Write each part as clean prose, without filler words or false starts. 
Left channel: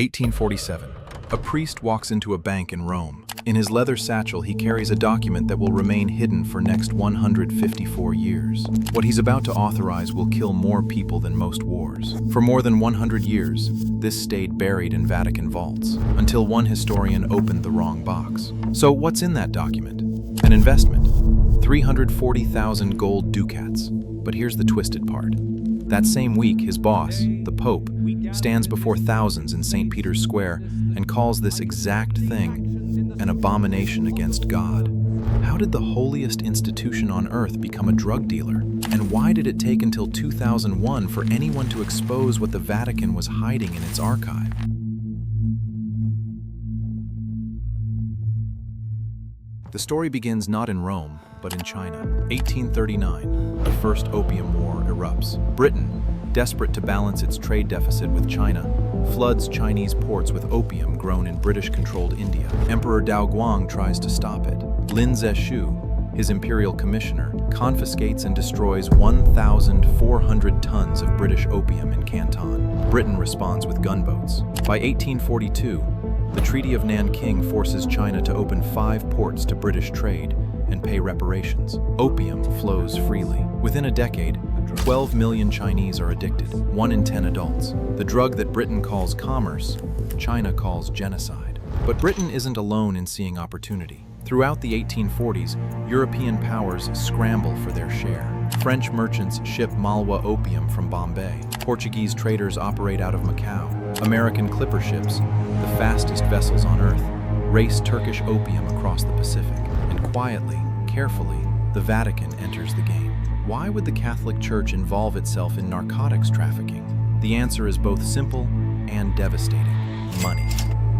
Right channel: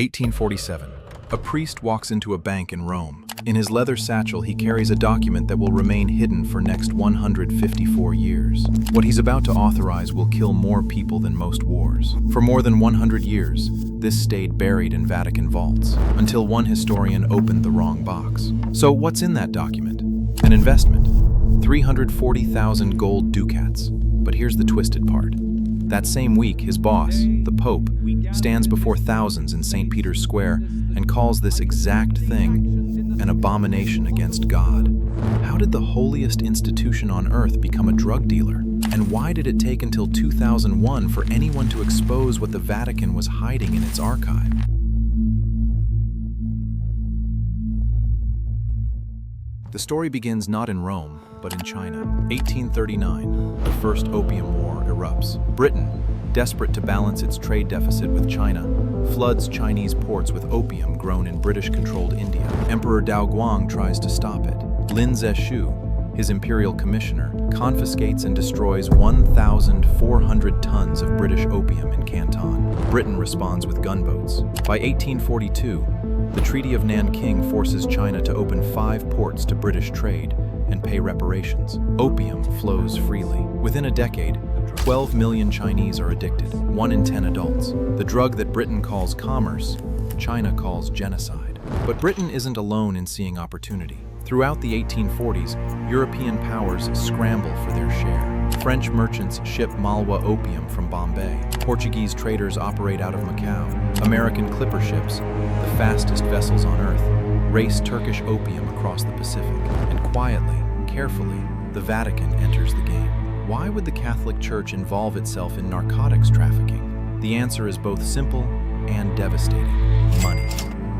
1847. A priest walks into a bank in Rome. In his leather satchel, he carries a document that will remain hidden for next 154 years. What he's about to authorize will kill more people than most wars. For more than 100 years, this stayed buried in Vatican vaults, until one historian opened the wrong box. So what's in that document? An investment. 340,000 gold ducats. But here's the twisted part. That same week, his boss, the Pope, stands before thousands in St. Peter's Square and calls this exact thing an abomination against God. How did the holiest institution on earth become a drug dealer? And why did it take until 2001 for anyone to expose what the Vatican was hiding in its archive? The story begins not in Rome, but in China. 1839, the First Opium War erupts. Britain, desperate to balance its trade deficit with China, floods Chinese ports with opium grown in British-controlled India. Emperor Daoguang tries to stop it. Lin Zexu, his imperial commissioner, confiscates and destroys 1,400 tons of British opium in Canton. Britain responds with gunboats. By 1842, the Treaty of Nanking forces China to open 5 ports to British trade and pay reparations. Opium flows freely. Within a decade, 12 million Chinese are addicted, 1 in 10 adults. The drug that Britain calls commerce, China calls genocide. But Britain isn't alone in seeing opportunity. Throughout the 1840s, European powers scramble for their share. French merchants ship Malwa opium from Bombay. Portuguese traders operate out of Macau. American clipper ships, the fastest vessels on Earth, race Turkish opium across the Pacific. And quietly, carefully, the Vatican enters the game. Why would the Catholic Church involve itself in narcotics trafficking? The answer is both simple and devastating: money.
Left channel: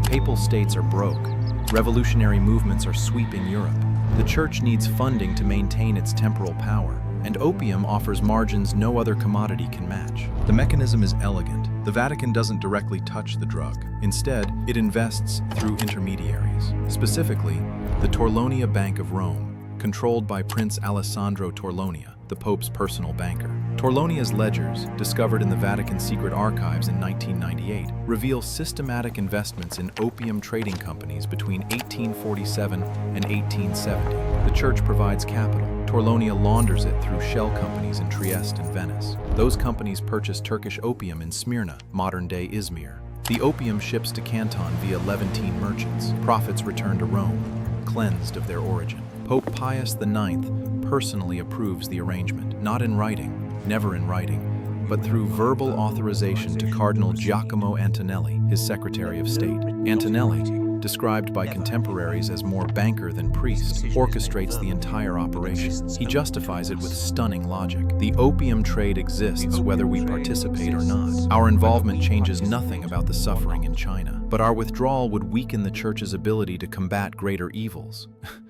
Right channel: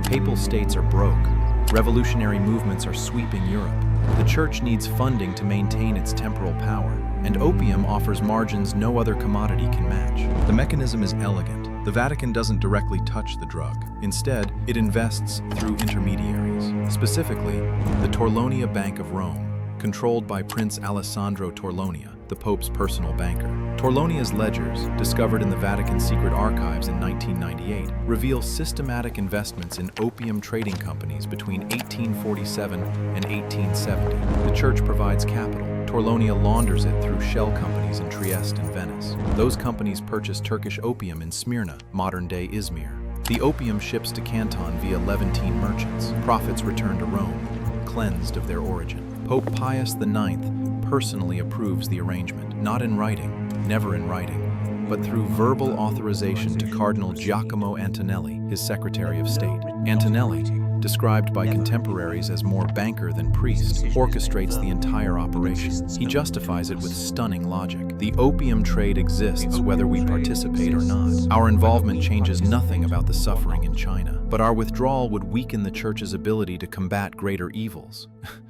Papal states are broke. Revolutionary movements are sweeping Europe. The Church needs funding to maintain its temporal power, and opium offers margins no other commodity can match. The mechanism is elegant. The Vatican doesn't directly touch the drug. Instead, it invests through intermediaries. Specifically, the Torlonia Bank of Rome, controlled by Prince Alessandro Torlonia, the Pope's personal banker. Torlonia's ledgers, discovered in the Vatican Secret Archives in 1998, reveal systematic investments in opium trading companies between 1847 and 1870. The Church provides capital. Torlonia launders it through shell companies in Trieste and Venice. Those companies purchase Turkish opium in Smyrna, modern-day Izmir. The opium ships to Canton via Levantine merchants. Profits return to Rome, cleansed of their origin. Pope Pius IX personally approves the arrangement, not in writing, never in writing, but through verbal authorization to Cardinal Giacomo Antonelli, his Secretary of State. Antonelli, described by contemporaries as more banker than priest, orchestrates the entire operation. He justifies it with stunning logic. The opium trade exists whether we participate or not. Our involvement changes nothing about the suffering in China, but our withdrawal would weaken the Church's ability to combat greater evils.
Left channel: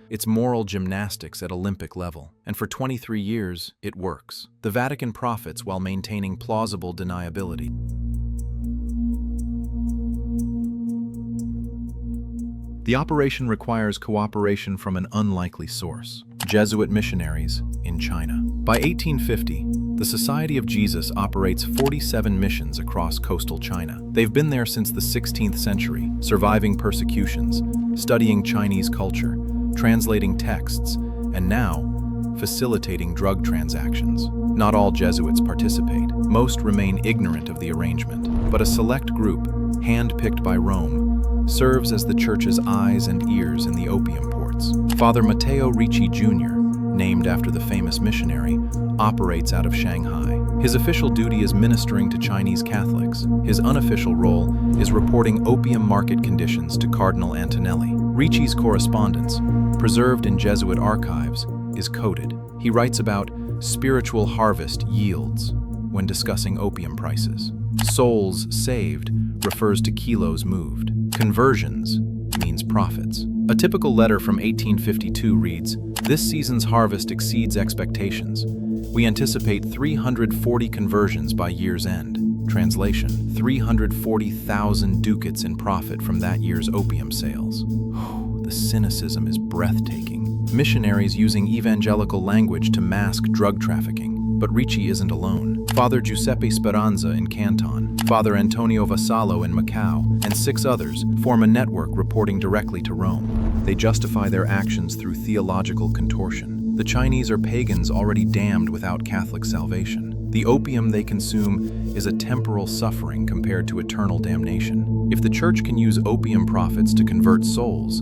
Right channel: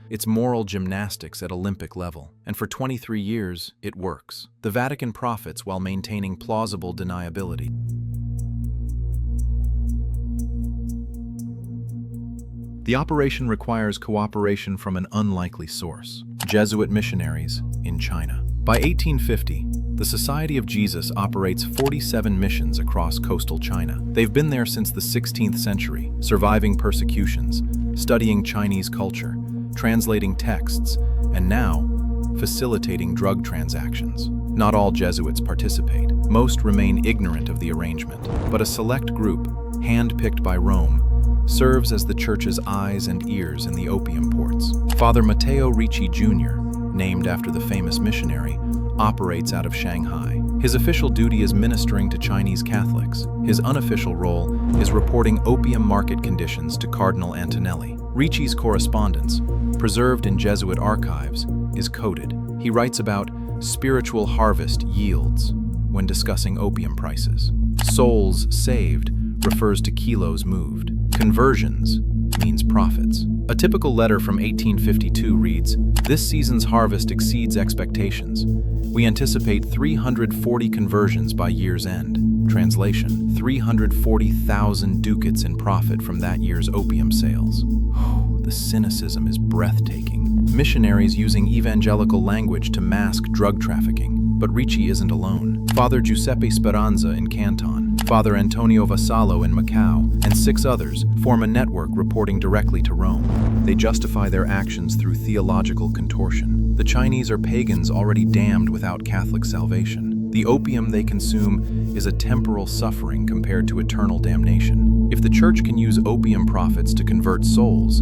It's moral gymnastics at Olympic level, and for 23 years, it works. The Vatican profits while maintaining plausible deniability. The operation requires cooperation from an unlikely source: Jesuit missionaries in China. By 1850, the Society of Jesus operates 47 missions across coastal China. They've been there since the 16th century, surviving persecutions, studying Chinese culture, translating texts, and now, facilitating drug transactions. Not all Jesuits participate. Most remain ignorant of the arrangement, but a select group, hand-picked by Rome, serves as the Church's eyes and ears in the opium ports. Father Matteo Ricci Jr., named after the famous missionary, operates out of Shanghai. His official duty is ministering to Chinese Catholics. His unofficial role is reporting opium market conditions to Cardinal Antonelli. Ricci's correspondence, preserved in Jesuit archives, is coded. He writes about spiritual harvest yields when discussing opium prices. Souls saved refers to kilos moved. Conversions means profits. A typical letter from 1852 reads, "This season's harvest exceeds expectations. We anticipate 340 conversions by year's end." Translation: 340,000 ducats in profit from that year's opium sales. The cynicism is breathtaking. Missionaries using evangelical language to mask drug trafficking. But Ricci isn't alone. Father Giuseppe Speranza in Canton, Father Antonio Vassallo in Macau, and 6 others form a network reporting directly to Rome. They justify their actions through theological contortion. The Chinese are pagans already damned without Catholic salvation. The opium they consume is a temporal suffering compared to eternal damnation. If the church can use opium profits to convert souls,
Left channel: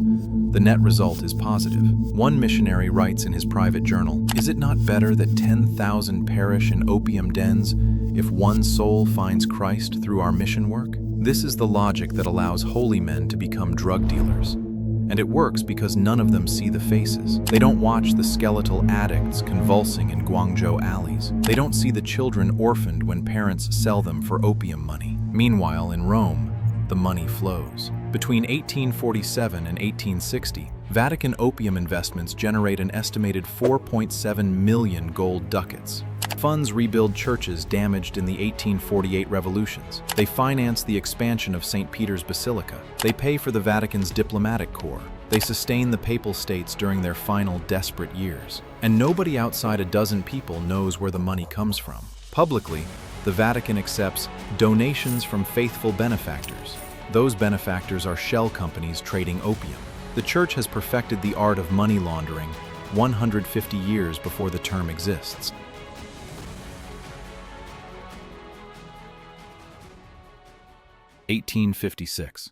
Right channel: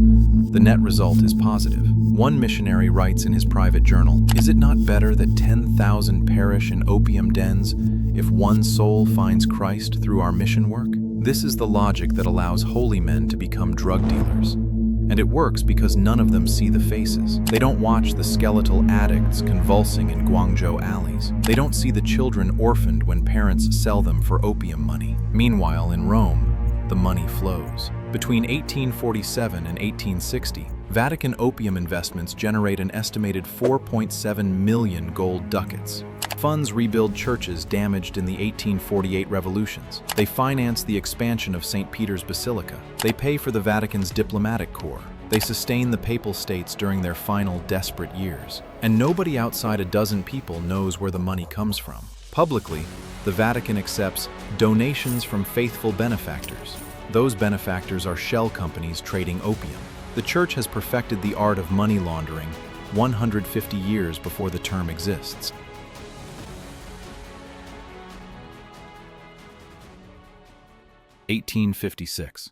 the net result is positive. One missionary writes in his private journal, "Is it not better that 10,000 perish in opium dens if one soul finds Christ through our mission work?" This is the logic that allows holy men to become drug dealers. And it works because none of them see the faces. They don't watch the skeletal addicts convulsing in Guangzhou alleys. They don't see the children orphaned when parents sell them for opium money. Meanwhile, in Rome, the money flows. Between 1847 and 1860, Vatican opium investments generate an estimated 4.7 million gold ducats. Funds rebuild churches damaged in the 1848 revolutions. They finance the expansion of St. Peter's Basilica. They pay for the Vatican's diplomatic corps. They sustain the Papal States during their final desperate years. And nobody outside a dozen people knows where the money comes from. Publicly, the Vatican accepts donations from faithful benefactors. Those benefactors are shell companies trading opium. The Church has perfected the art of money laundering 150 years before the term exists. (1856).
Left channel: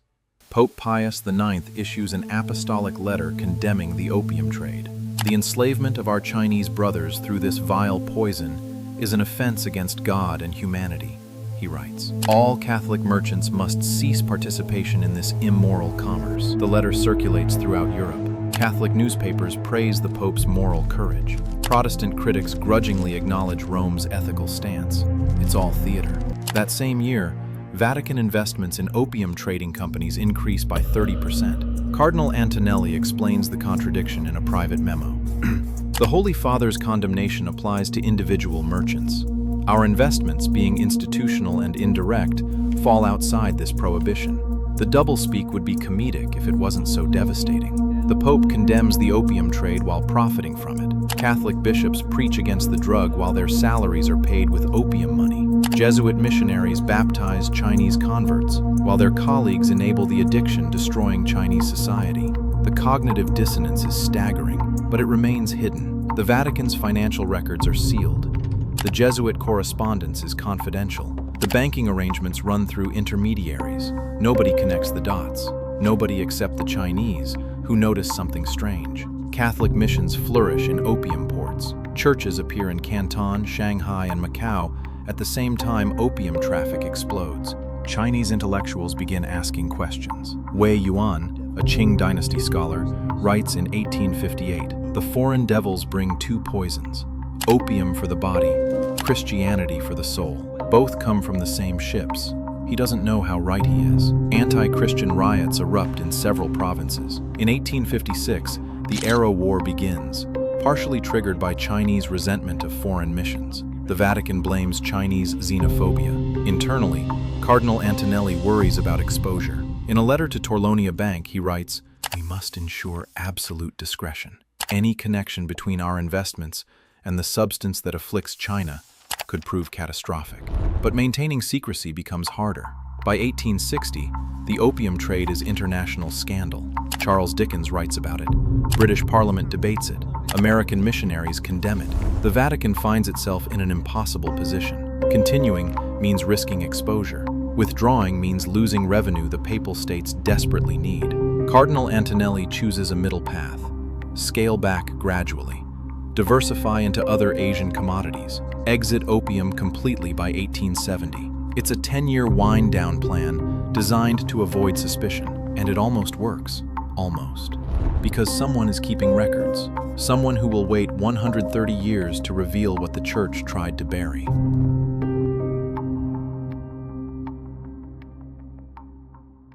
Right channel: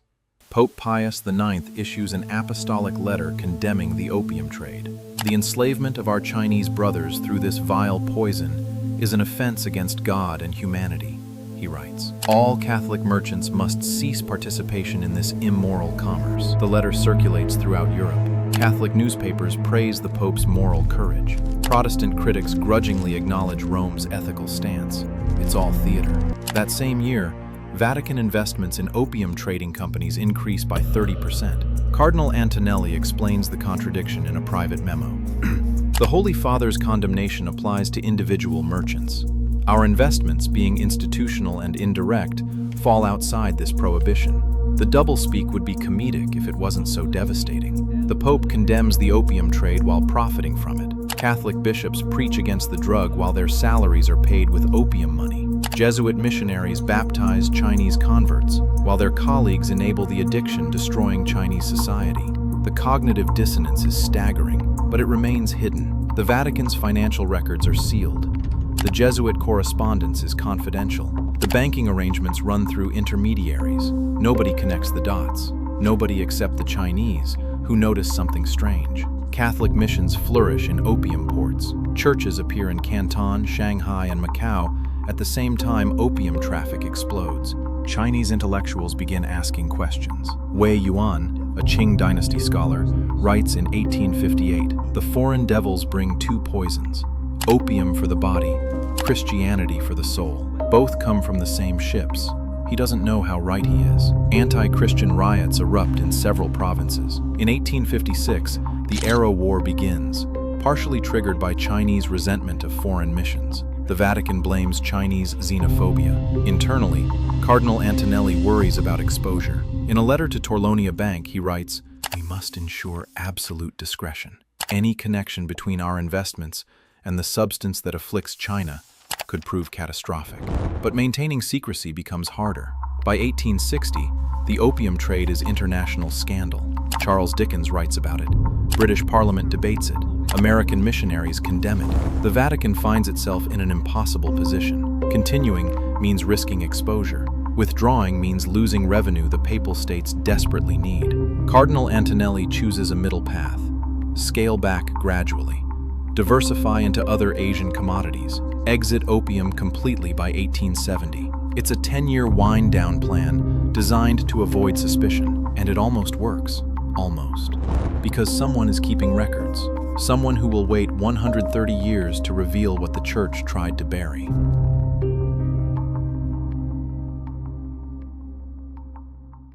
Pope Pius IX issues an apostolic letter condemning the opium trade. "The enslavement of our Chinese brothers through this vile poison is an offense against God and humanity," he writes. "All Catholic merchants must cease participation in this immoral commerce." The letter circulates throughout Europe. Catholic newspapers praise the Pope's moral courage. Protestant critics grudgingly acknowledge Rome's ethical stance. It's all theater. That same year, Vatican investments in opium trading companies increase by 30%. Cardinal Antonelli explains the contradiction in a private memo. "The Holy Father's condemnation applies to individual merchants. Our investments, being institutional and indirect, fall outside this prohibition. The doublespeak would be comedic if it wasn't so devastating. The Pope condemns the opium trade while profiting from it. Catholic bishops preach against the drug while their salaries are paid with opium money. Jesuit missionaries baptize Chinese converts, while their colleagues enable the addiction destroying Chinese society. The cognitive dissonance is staggering, but it remains hidden. The Vatican's financial records are sealed. The Jesuit correspondence is confidential. The banking arrangements run through intermediaries. Nobody connects the dots. Nobody except the Chinese, who notice something strange. Catholic missions flourish in opium ports. Churches appear in Canton, Shanghai, and Macau. At the same time, opium traffic explodes. Chinese intellectuals begin asking questions. Wei Yuan, a Qing dynasty scholar, writes in 1858, "The foreign devils bring two poisons, opium for the body, Christianity for the soul. Both come from the same ships." He doesn't know how right he is. Anti-Christian riots erupt in several provinces. In 1856, the Arrow War begins, partially triggered by Chinese resentment of foreign missions. The Vatican blames Chinese xenophobia. Internally, Cardinal Antonelli worries about exposure. In a letter to Torlonia Bank, he writes, "We must ensure absolute discretion. Any connection between our investments and the substance that afflicts China could prove catastrophic." But maintaining secrecy becomes harder. By 1860, the opium trade is international scandal. Charles Dickens writes about it. British Parliament debates it. American missionaries condemn it. The Vatican finds itself in an impossible position. Continuing means risking exposure. Withdrawing means losing revenue the Papal States desperately need. Cardinal Antonelli chooses a middle path. Scale back gradually. Diversify into other Asian commodities. Exit opium completely by 1870. It's a 10-year wind-down plan designed to avoid suspicion, and it almost works. Almost. Because someone is keeping records. Someone who will wait 130 years to reveal what the Church tried to bury.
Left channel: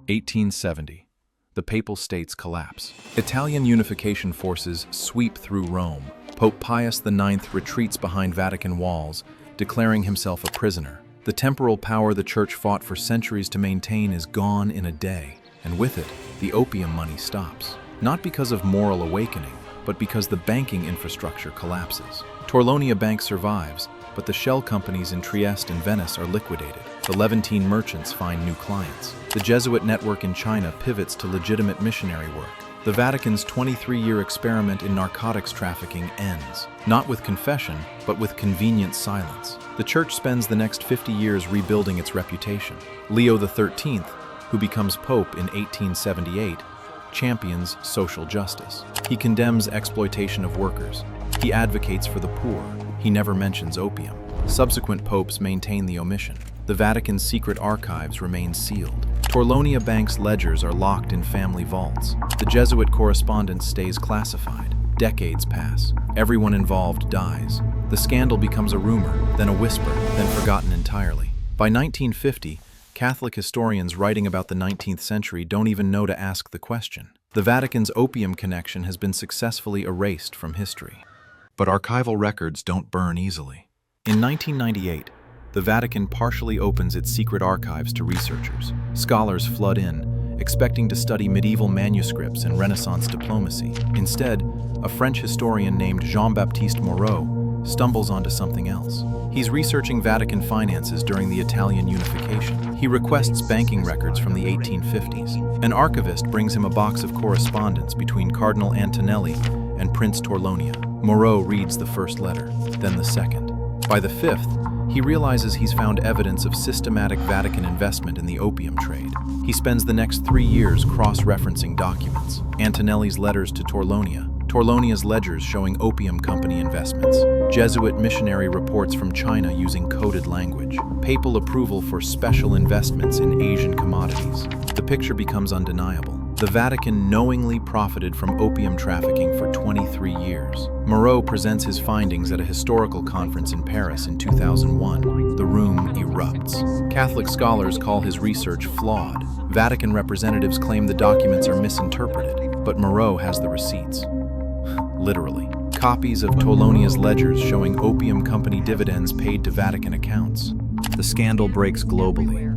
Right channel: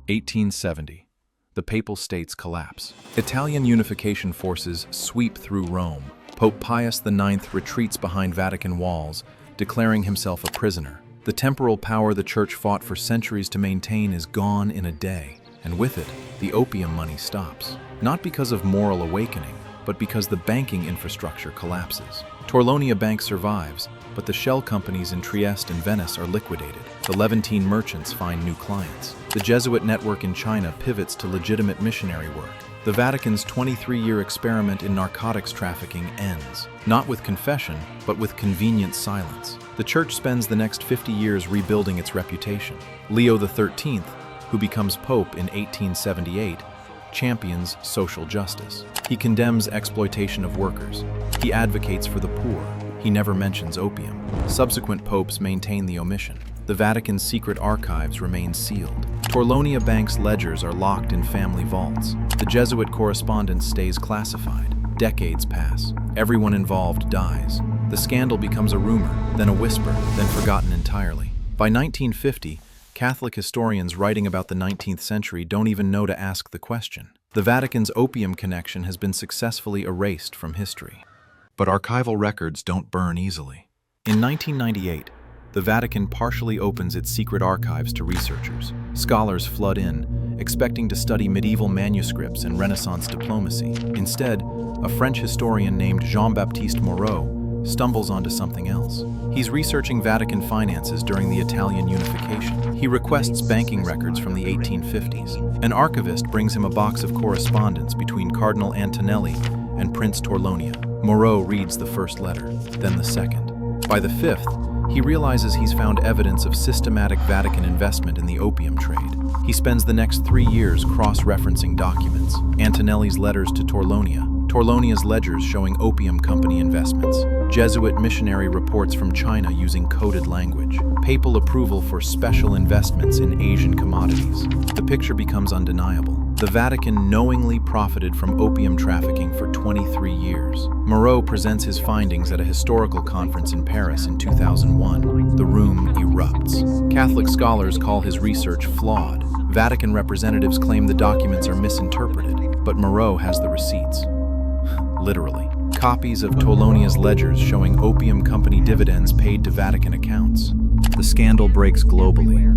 (1870). The Papal States collapse. Italian unification forces sweep through Rome. Pope Pius IX retreats behind Vatican walls, declaring himself a prisoner. The temporal power the Church fought for centuries to maintain is gone in a day, and with it, the opium money stops. Not because of moral awakening, but because the banking infrastructure collapses. Torlonia Bank survives, but the shell companies in Trieste and Venice are liquidated. The Levantine merchants find new clients. The Jesuit network in China pivots to legitimate missionary work. The Vatican's 23-year experiment in narcotics trafficking ends, not with confession, but with convenient silence. The Church spends the next 50 years rebuilding its reputation. Leo XIII, who becomes Pope in 1878, champions social justice. He condemns exploitation of workers. He advocates for the poor. He never mentions opium. Subsequent popes maintain the omission. The Vatican Secret Archives remain sealed. Torlonia Bank's ledgers are locked in family vaults. The Jesuit correspondence stays classified. Decades pass. Everyone involved dies. The scandal becomes a rumor, then a whisper, then forgotten entirely. By 1950, Catholic historians writing about the 19th century don't even know to ask the question. The Vatican's opium connection has been successfully erased from history. But archival records don't burn easily. In 1998, the Vatican partially opens its secret archives to researchers. Scholars flood in, expecting to study medieval manuscripts and Renaissance diplomacy. Instead, a French historian named Jean-Baptiste Moreau stumbles onto something else. He's researching Vatican finances during the Italian unification. He requests banking records from the 1850s. An archivist brings him a box of correspondence between Cardinal Antonelli and Prince Torlonia. Moreau reads the first letter, then the second. By the fifth, he realizes he's found evidence of systematic Vatican investment in the opium trade. He spends the next 3 years cross-referencing documents. Antonelli's letters to Torlonia, Torlonia's ledgers showing opium company investments, Jesuit missionary reports from China using coded language, papal approval for special investments in Asian commodities. The picture becomes undeniable. The Vatican knowingly profited from opium trafficking for 23 years. Moreau presents his findings at a historical conference in Paris in 2001. The room erupts. Catholic scholars call his research flawed. Vatican representatives claim the documents are misinterpreted, but Moreau has the receipts. Literally. Copies of Torlonia's ledgers showing opium company dividends paid to Vatican accounts. The scandal breaks globally.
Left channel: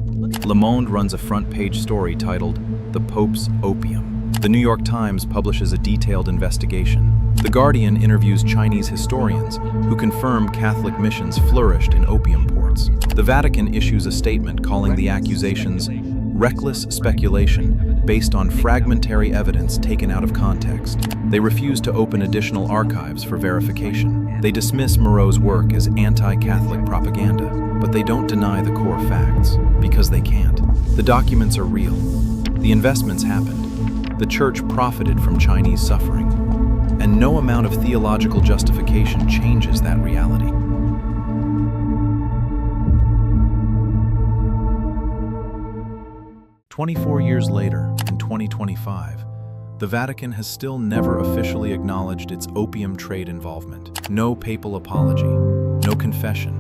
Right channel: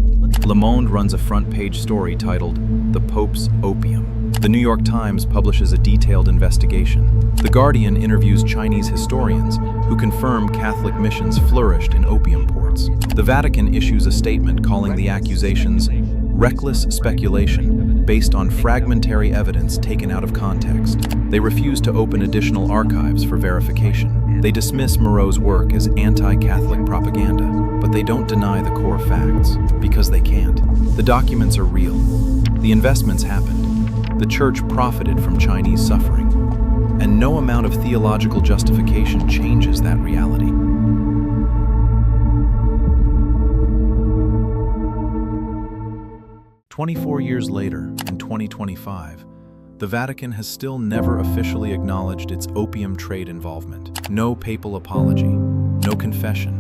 Le Monde runs a front-page story titled, "The Pope's Opium." The New York Times publishes a detailed investigation. The Guardian interviews Chinese historians who confirm Catholic missions flourished in opium ports. The Vatican issues a statement calling the accusations reckless speculation based on fragmentary evidence taken out of context. They refuse to open additional archives for verification. They dismiss Moreau's work as anti-Catholic propaganda, but they don't deny the core facts, because they can't. The documents are real. The investments happened. The Church profited from Chinese suffering. And no amount of theological justification changes that reality. "24 years later, in 2025, the Vatican has still never officially acknowledged its opium trade involvement. No papal apology, no confession,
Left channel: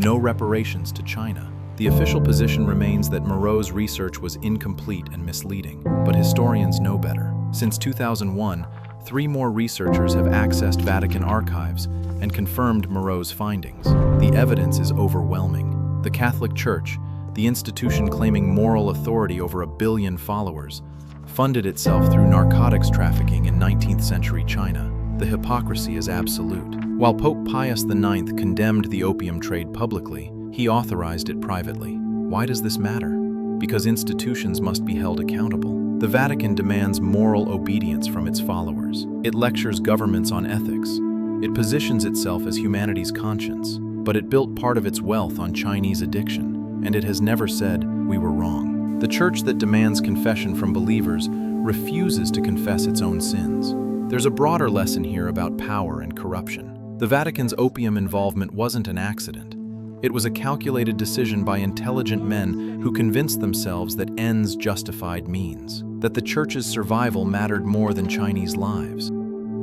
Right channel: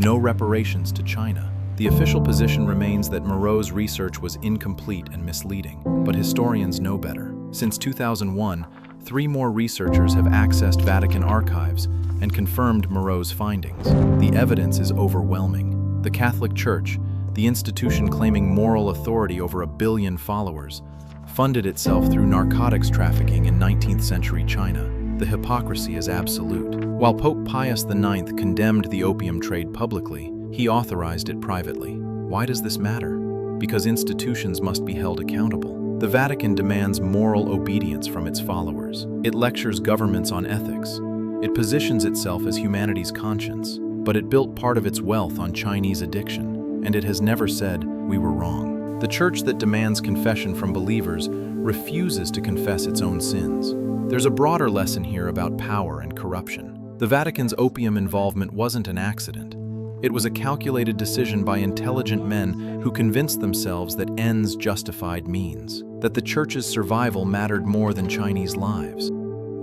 no reparations to China. The official position remains that Moreau's research was incomplete and misleading, but historians know better. Since 2001, 3 more researchers have accessed Vatican archives and confirmed Moreau's findings. The evidence is overwhelming. The Catholic Church, the institution claiming moral authority over 1 billion followers, funded itself through narcotics trafficking in 19th century China. The hypocrisy is absolute. While Pope Pius IX condemned the opium trade publicly, he authorized it privately. Why does this matter? Because institutions must be held accountable. The Vatican demands moral obedience from its followers. It lectures governments on ethics. It positions itself as humanity's conscience, but it built part of its wealth on Chinese addiction. And it has never said, "We were wrong." The Church that demands confession from believers refuses to confess its own sins. There's a broader lesson here about power and corruption. The Vatican's opium involvement wasn't an accident. It was a calculated decision by intelligent men who convinced themselves that ends justified means, that the Church's survival mattered more than Chinese lives.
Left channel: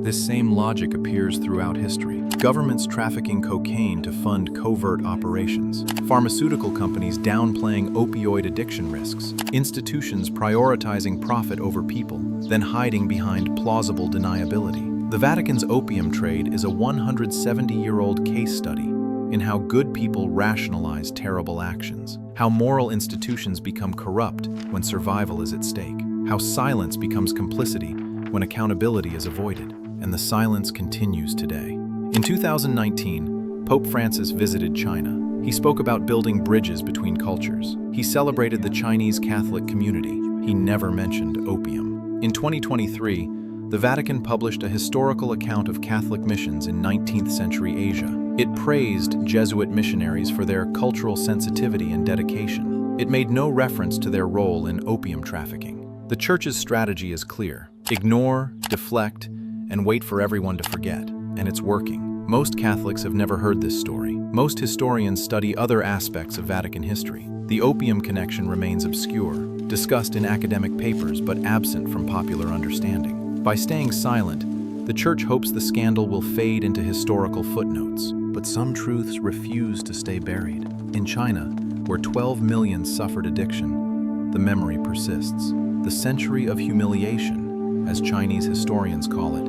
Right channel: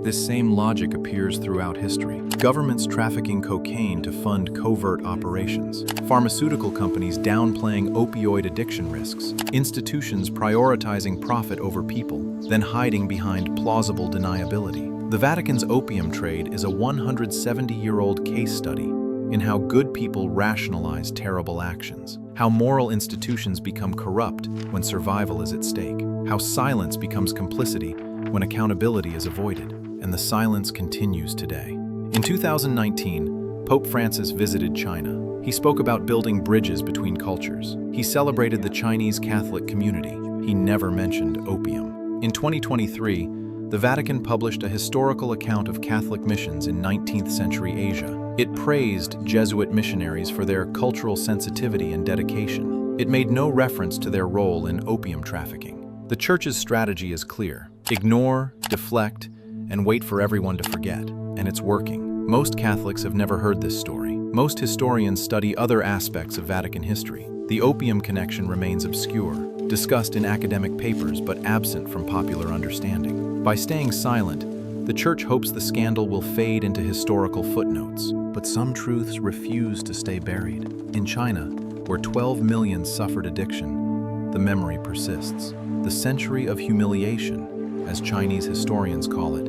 This same logic appears throughout history. Governments trafficking cocaine to fund covert operations, pharmaceutical companies downplaying opioid addiction risks, institutions prioritizing profit over people, then hiding behind plausible deniability. The Vatican's opium trade is a 170-year-old case study in how good people rationalize terrible actions, how moral institutions become corrupt when survival is at stake, how silence becomes complicity when accountability is avoided. And the silence continues today. In 2019, Pope Francis visited China. He spoke about building bridges between cultures. He celebrated the Chinese Catholic community. He never mentioned opium. In 2023, the Vatican published a historical account of Catholic missions in 19th century Asia. It praised Jesuit missionaries for their cultural sensitivity and dedication. It made no reference to their role in opium trafficking. The Church's strategy is clear: ignore, deflect, and wait for everyone to forget. And it's working. Most Catholics have never heard this story. Most historians study other aspects of Vatican history. The opium connection remains obscure, discussed in academic papers but absent from popular understanding. By staying silent, the Church hopes the scandal will fade into historical footnotes. But some truths refuse to stay buried. In China, where 12 million suffered addiction, the memory persists. The century of humiliation, as Chinese historians call it,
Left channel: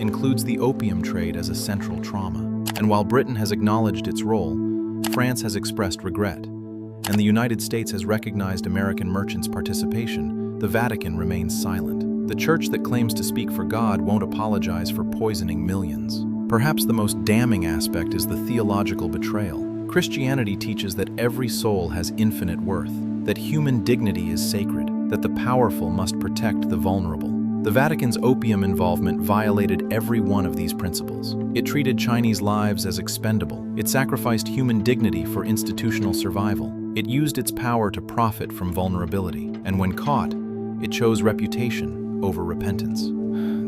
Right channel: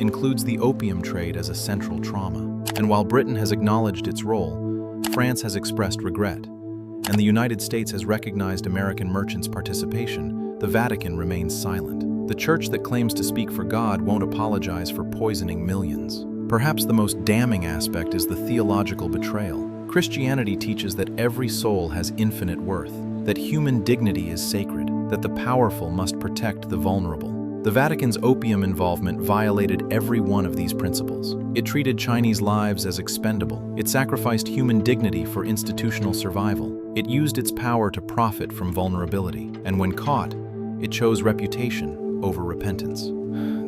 includes the opium trade as a central trauma. And while Britain has acknowledged its role, France has expressed regret, and the United States has recognized American merchants' participation, the Vatican remains silent. The Church that claims to speak for God won't apologize for poisoning millions. Perhaps the most damning aspect is the theological betrayal. Christianity teaches that every soul has infinite worth, that human dignity is sacred, that the powerful must protect the vulnerable. The Vatican's opium involvement violated every one of these principles. It treated Chinese lives as expendable. It sacrificed human dignity for institutional survival. It used its power to profit from vulnerability. And when caught, it chose reputation over repentance.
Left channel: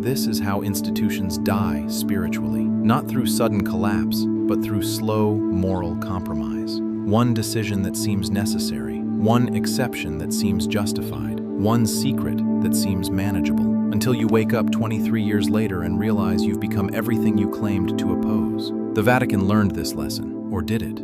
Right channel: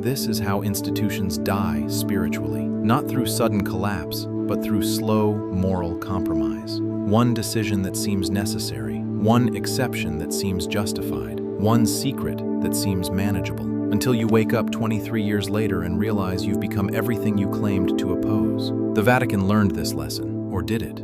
This is how institutions die spiritually, not through sudden collapse, but through slow moral compromise. One decision that seems necessary, one exception that seems justified, one secret that seems manageable, until you wake up 23 years later and realize you've become everything you claimed to oppose. The Vatican learned this lesson, or did it?